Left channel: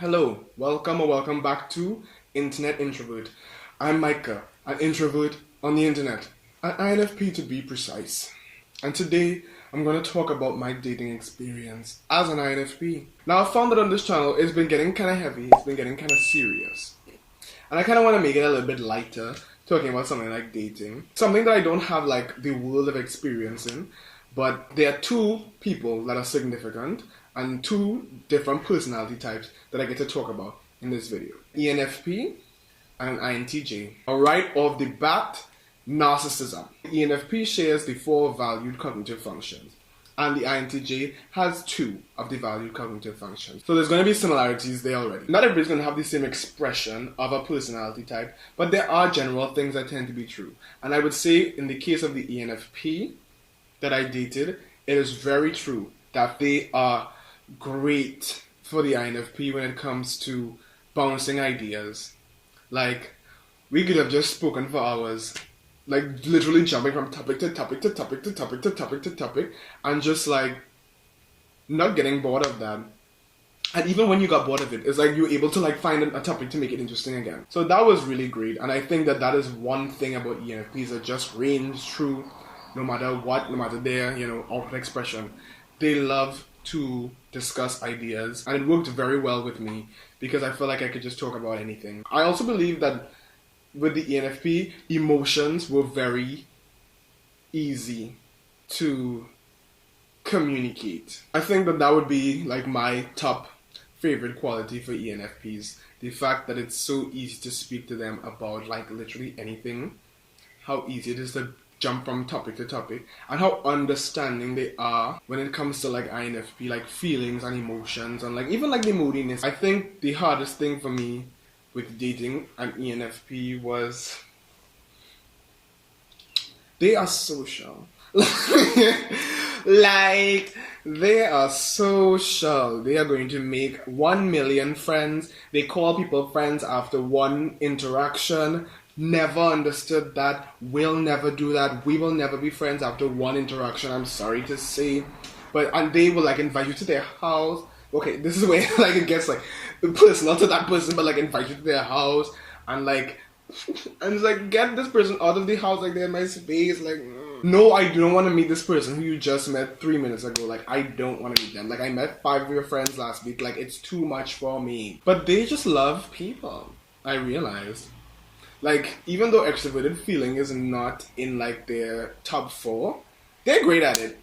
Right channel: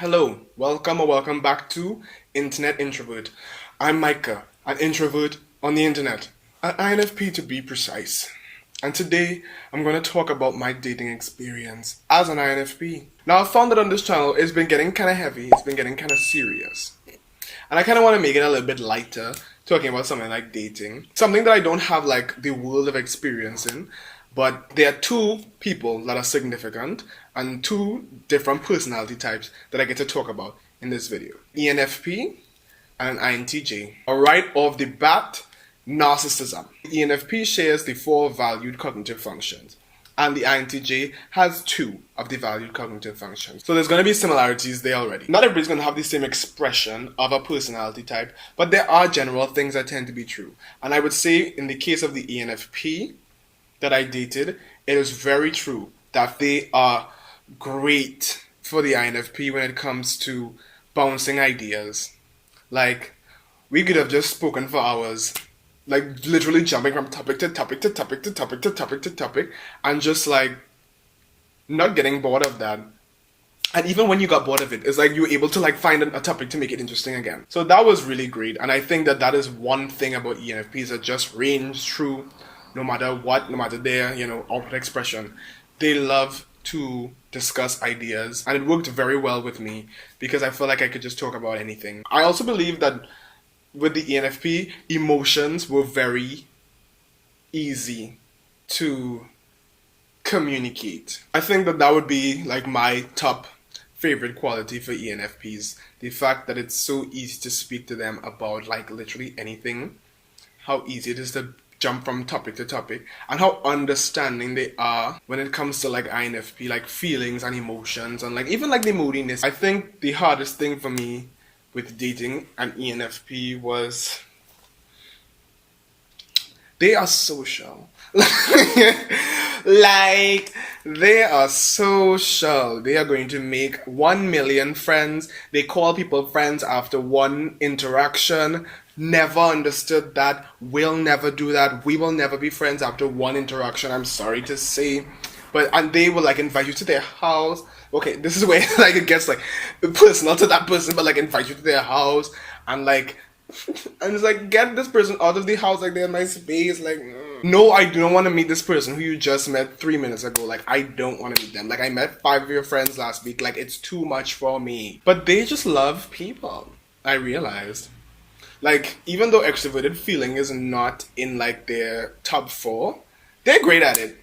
Hello, welcome or welcome back to Internet Introvert. I'm Micah, an introvert on the internet, an INFP to be precise. And today I'm going to talk about my dating experience as an INFP. Now, I found that on this channel it's been getting kind of heavy, it's been getting kind of serious. And I kind of want to make it a little bit lighter, talking about something like dating. Something that I don't have like the world of experience in, but there are two people that are significant and two different personality types that I get to talk about in this video. ENFP and INTJ. Right off the bat, narcissism. ENFP shares the four valued cognitive functions, and the INTJ has two of the valued cognitive functions. So there's going to be similarities there already. Not everybody's going to have the same expression of a personality type, but there are general things that tend to be true. And I would say in the case of the ENFP that I dated, it is very true that they are great for the INFP when it comes to bouncing ideas. Like, we could have just spoken for hours, like literally jumping from topic to topic to topic to topic to topic to topic, and just like not getting bored of that. And even when you got bored of it, it's like you were able to like find a topic to make it interesting again. So that was really great, and I think that that is one thing about ENFPs that just range true, no matter what, no matter their outward expression. They love to discuss ideas, and it worked very well with me because I felt like I could just talk about anything. I also believe that with the ENFP, emotions were very easy to communicate. I think that that would be like my top favorite quality for ENFPs. The fact that it's so easy to speak to them about like literally anything. How easy it is to jump from topic to topic, and how understanding they are when it comes to like INFP, like feelings and emotions, and like even like the moodiness. I think the hardest thing for me with dating an ENFP was they are social. Like, they are social. They are going to make 1 million friends. They call people friends after one interaction. Never understood that. Will never do that. We will never be friends after one interaction, I'm sorry to say. And they will like invite you to their house. Okay, this is where like it gets like personal to that person, but like invite you to their house and like and it's like, get this person out of the house, like they're in my space, like no, I don't want to meet this person who you just met 3 minutes ago. Like, I don't want to meet them. Like, I met 5 of your friends last week. Like, it's too much for me. But they just love people, I realized. Like, even though extroverted feeling is not in like their top 4, they're great at it.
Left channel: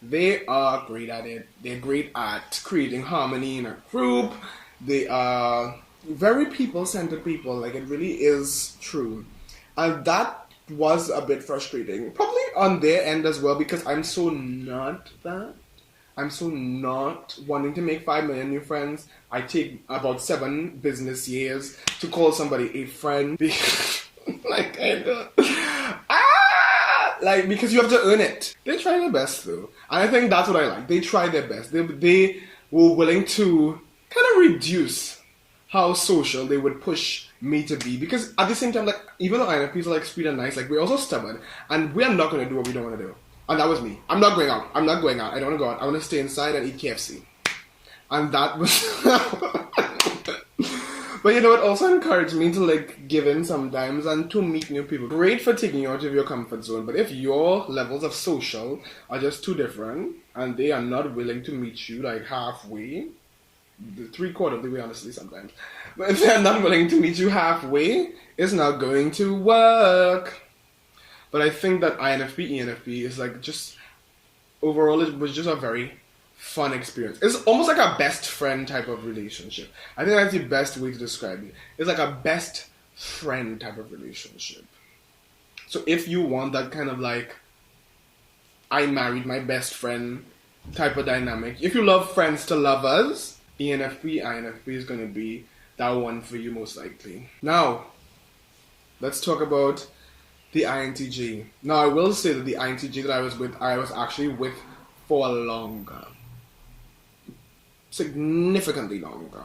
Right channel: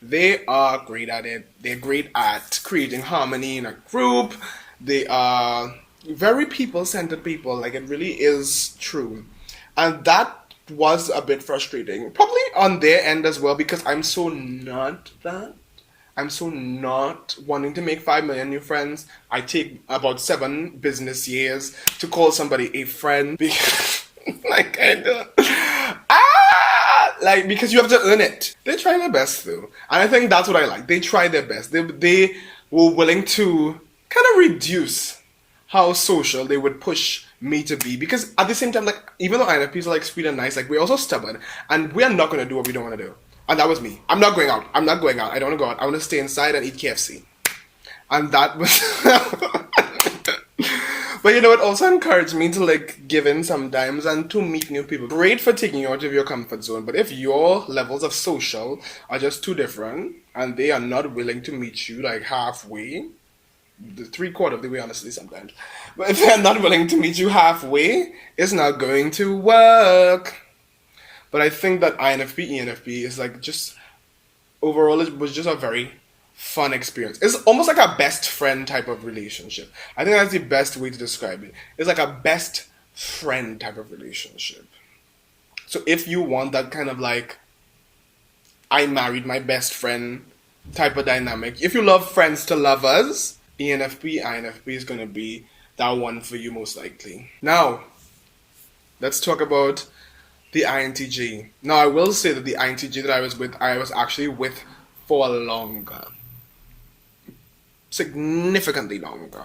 They are great at it. They're great at creating harmony in a group. They are very people-centered people. Like, it really is true. And that was a bit frustrating. Probably on their end as well, because I'm so not that. I'm so not wanting to make 5 million new friends. I take about 7 business years to call somebody a friend. Like, I don't. Like, because you have to earn it. They try their best though. And I think that's what I like. They try their best. They were willing to kind of reduce how social they would push me to be, because at the same time, like, even though INFPs are like sweet and nice, like we're also stubborn, and we're not going to do what we don't want to do. And that was me. I'm not going out. I don't want to go out. I want to stay inside and eat KFC. And that was but you know, it also encouraged me to like give in sometimes and to meet new people. Great for taking you out of your comfort zone, but if your levels of social are just too different and they are not willing to meet you like halfway, the 3/4 of the way, honestly, sometimes. But if they're not willing to meet you halfway, it's not going to work. But I think that INFP, ENFP is like just, overall, it was just a very fun experience. It's almost like a best friend type of relationship. I think that's the best way to describe it. It's like a best friend type of relationship. So if you want that kind of like, I married my best friend type of dynamic, if you love friends to lovers, ENFP, INFP is going to be that one for you most likely. Now, let's talk about the INTJ. Now, I will say that the INTJ that I was actually with for longer. Significantly longer.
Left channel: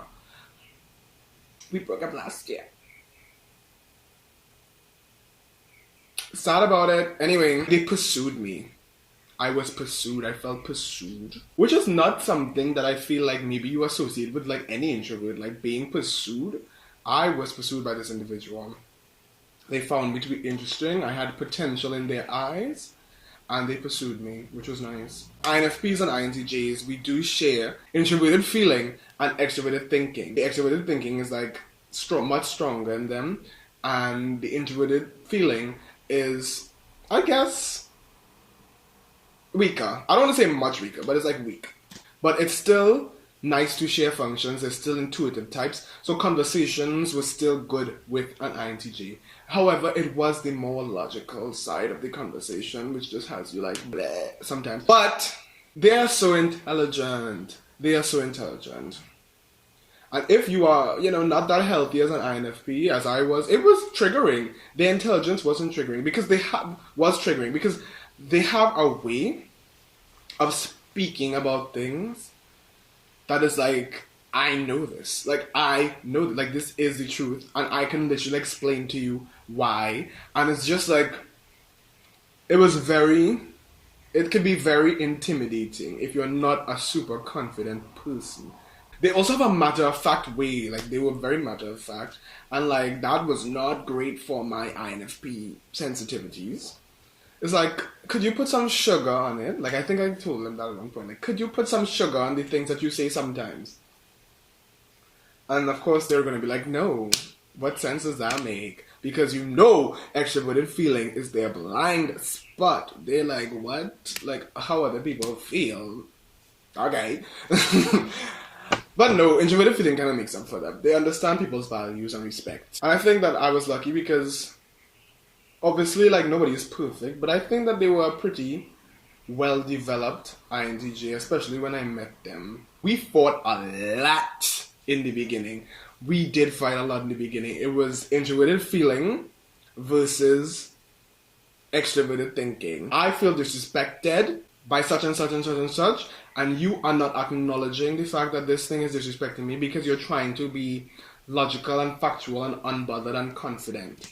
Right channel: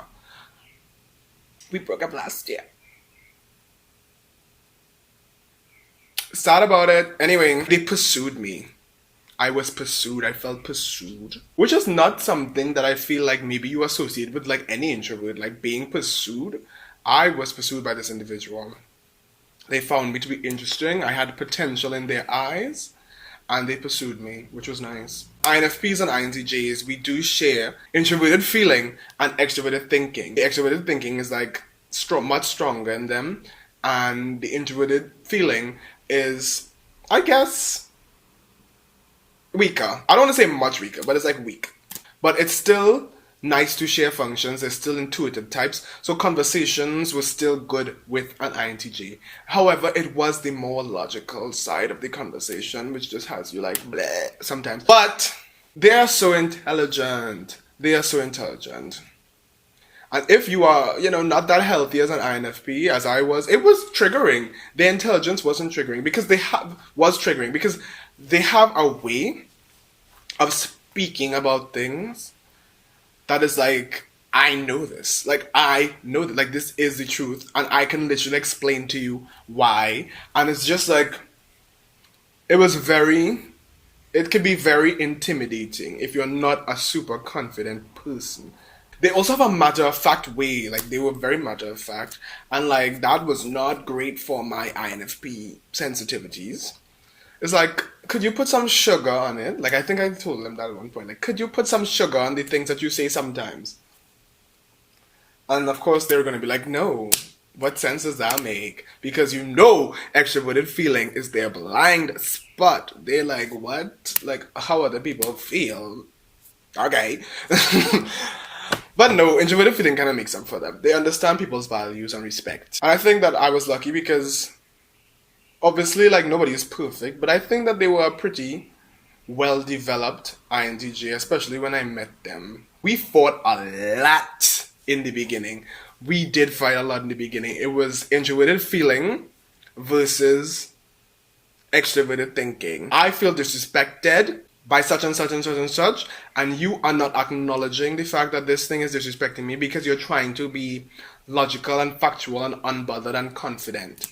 We broke up last year. Sad about it. Anyway, they pursued me. I was pursued. I felt pursued, which is not something that I feel like maybe you associate with like any introvert, like being pursued. I was pursued by this individual. They found me to be interesting. I had potential in their eyes, and they pursued me, which was nice. INFPs and INTJs, we do share introverted feeling and extroverted thinking. The extroverted thinking is like much stronger in them, and the introverted feeling is, I guess, weaker. I don't want to say much weaker, but it's like weak. But it's still nice to share functions. They're still intuitive types. So conversations were still good with an INTJ. However, it was the more logical side of the conversation, which just has you like bleh sometimes. But they are so intelligent. They are so intelligent. And if you are, not that healthy as an INFP, as I was, it was triggering. Their intelligence wasn't triggering because they have a way of speaking about things that is like, I know this. Like, I know that, like, this is the truth. And I can literally explain to you why. And it's just like, it could be very intimidating if you're not a super confident person. They also have a matter-of-fact way. Like, they were very matter-of-fact. And, like, that was not great for my INFP sensitivities. It's like, could you put some sugar on it? Like, I think I told them that at one point. Like, could you put some sugar on the things that you say sometimes? And, of course, they were going to be like, no. What sense does that make? Because extroverted feeling is their blind spot. They're like, what? Like, how other people feel? Okay. But no, introverted feeling kind of makes up for them. They understand people's values and respect. I think that I was lucky because obviously, like, nobody is perfect, but I think that they were a pretty well-developed INTJ, especially when I met them. We fought a lot in the beginning. We did fight a lot in the beginning. It was introverted feeling versus extroverted thinking. I feel disrespected by such and such and such and such, and you are not acknowledging the fact that this thing is disrespecting me because you're trying to be logical and factual and unbothered and confident.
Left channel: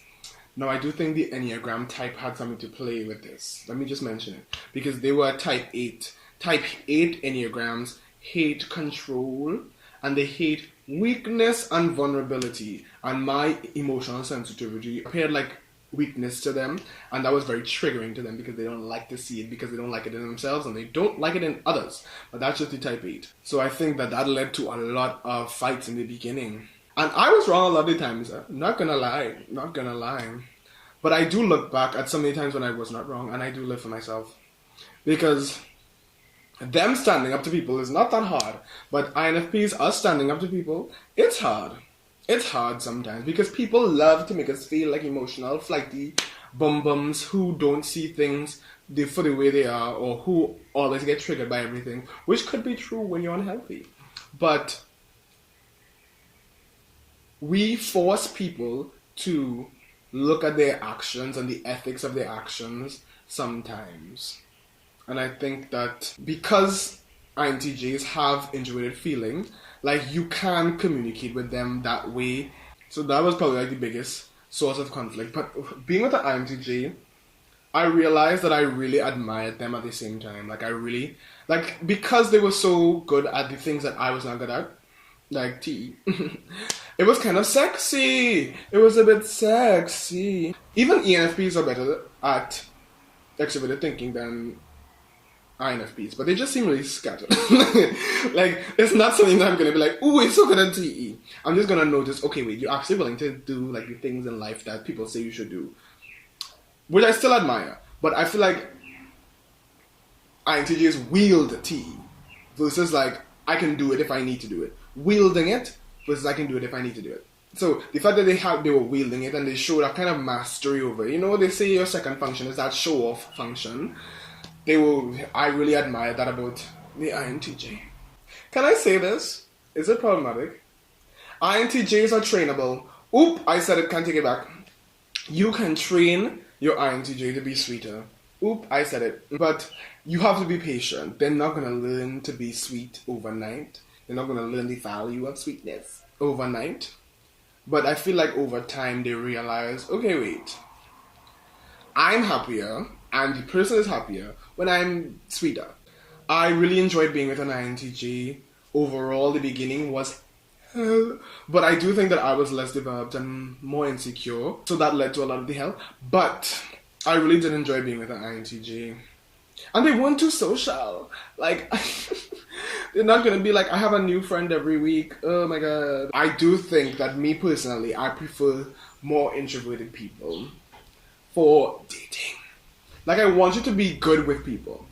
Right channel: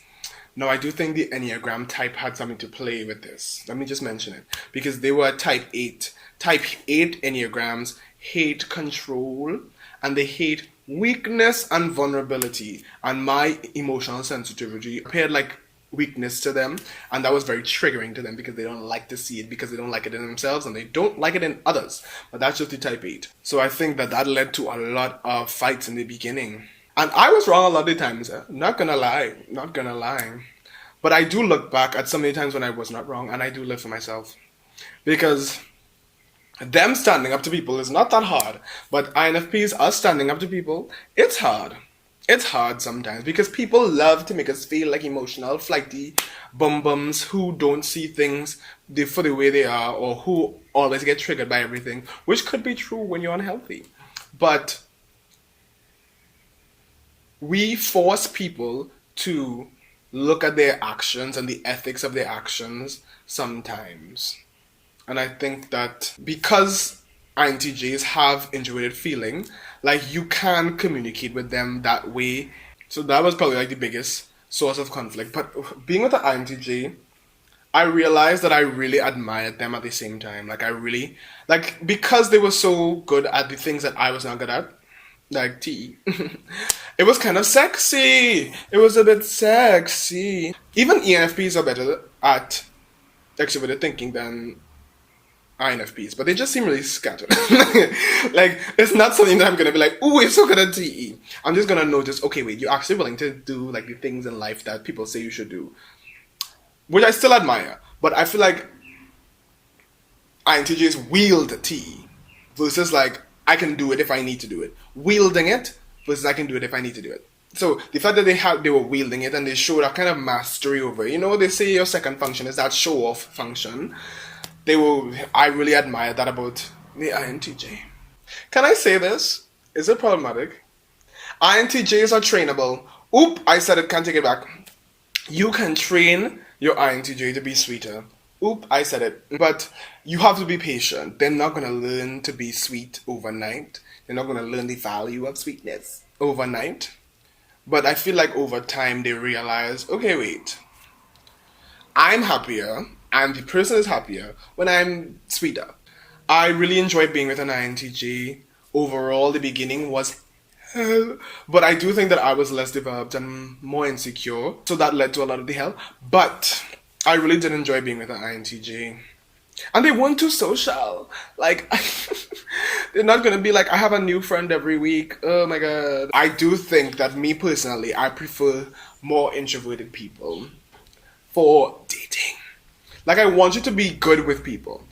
No, I do think the Enneagram type had something to play with this. Let me just mention it. Because they were type 8. Type 8 Enneagrams hate control, and they hate weakness and vulnerability. And my emotional sensitivity appeared like weakness to them, and that was very triggering to them because they don't like to see it, because they don't like it in themselves and they don't like it in others. But that's just the type 8. So I think that led to a lot of fights in the beginning. And I was wrong a lot of the times. Not gonna lie. But I do look back at so many times when I was not wrong, and I do live for myself. Because them standing up to people is not that hard. But INFPs, us standing up to people, it's hard. It's hard sometimes because people love to make us feel like emotional, flighty bum-bums who don't see things for the way they are, or who always get triggered by everything, which could be true when you're unhealthy. But we force people to look at their actions and the ethics of their actions sometimes. And I think that because INTJs have introverted feeling, like, you can communicate with them that way. So that was probably like the biggest source of conflict. But being with an INTJ, I realized that I really admired them at the same time. Because they were so good at the things that I was not good at, like tea. It was kind of sexy. It was a bit sexy. Even ENFPs are better at extroverted thinking than INFPs, but they just seem really scattered. Like, it's not something that I'm gonna be like, ooh, you're so good at TE. I'm just gonna notice, okay, wait, you're actually willing to do like the things in life that people say you should do, which I still admire. But I feel like INTJs wield TE versus like, I can do it if I need to do it. Wielding it versus I can do it if I need to do it. So the fact that they were wielding it and they showed a kind of mastery over it. They say your second function is that show-off function. I really admire that about the INTJ. Can I say this? Is it problematic? INTJs are trainable. Oop, I said it, can't take it back. You can train your INTJ to be sweeter. Oop, I said it. But you have to be patient. They're not going to learn to be sweet overnight. They're not going to learn the value of sweetness overnight. But I feel like over time they realize, okay, wait, I'm happier and the person is happier when I'm sweeter. I really enjoyed being with an INTJ. Overall, the beginning was hell, but I do think that I was less developed and more insecure, so that led to a lot of the hell. But I really did enjoy being with an INTJ. And they weren't too social. Like, they're not gonna be like, I have a new friend every week. Oh my god. I do think that me personally, I prefer more introverted people for dating. Like, I want you to be good with people.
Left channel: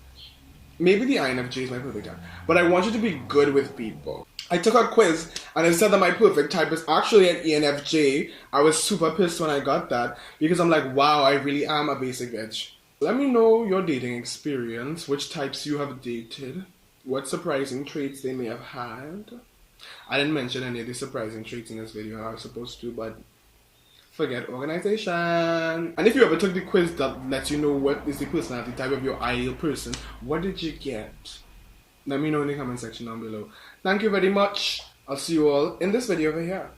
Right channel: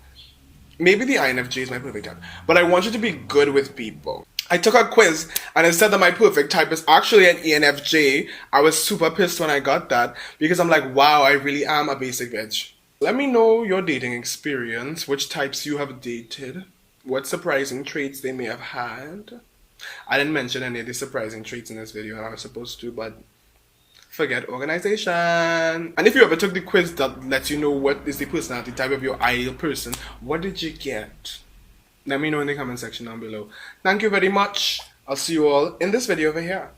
Maybe the INFJ is my perfect type, but I want you to be good with people. I took a quiz and it said that my perfect type is actually an ENFJ. I was super pissed when I got that because I'm like, wow, I really am a basic bitch. Let me know your dating experience, which types you have dated, what surprising traits they may have had. I didn't mention any of the surprising traits in this video, I was supposed to, but forget organization. And if you ever took the quiz that lets you know what is the personality type of your ideal person, what did you get? Let me know in the comment section down below. Thank you very much. I'll see you all in this video over here.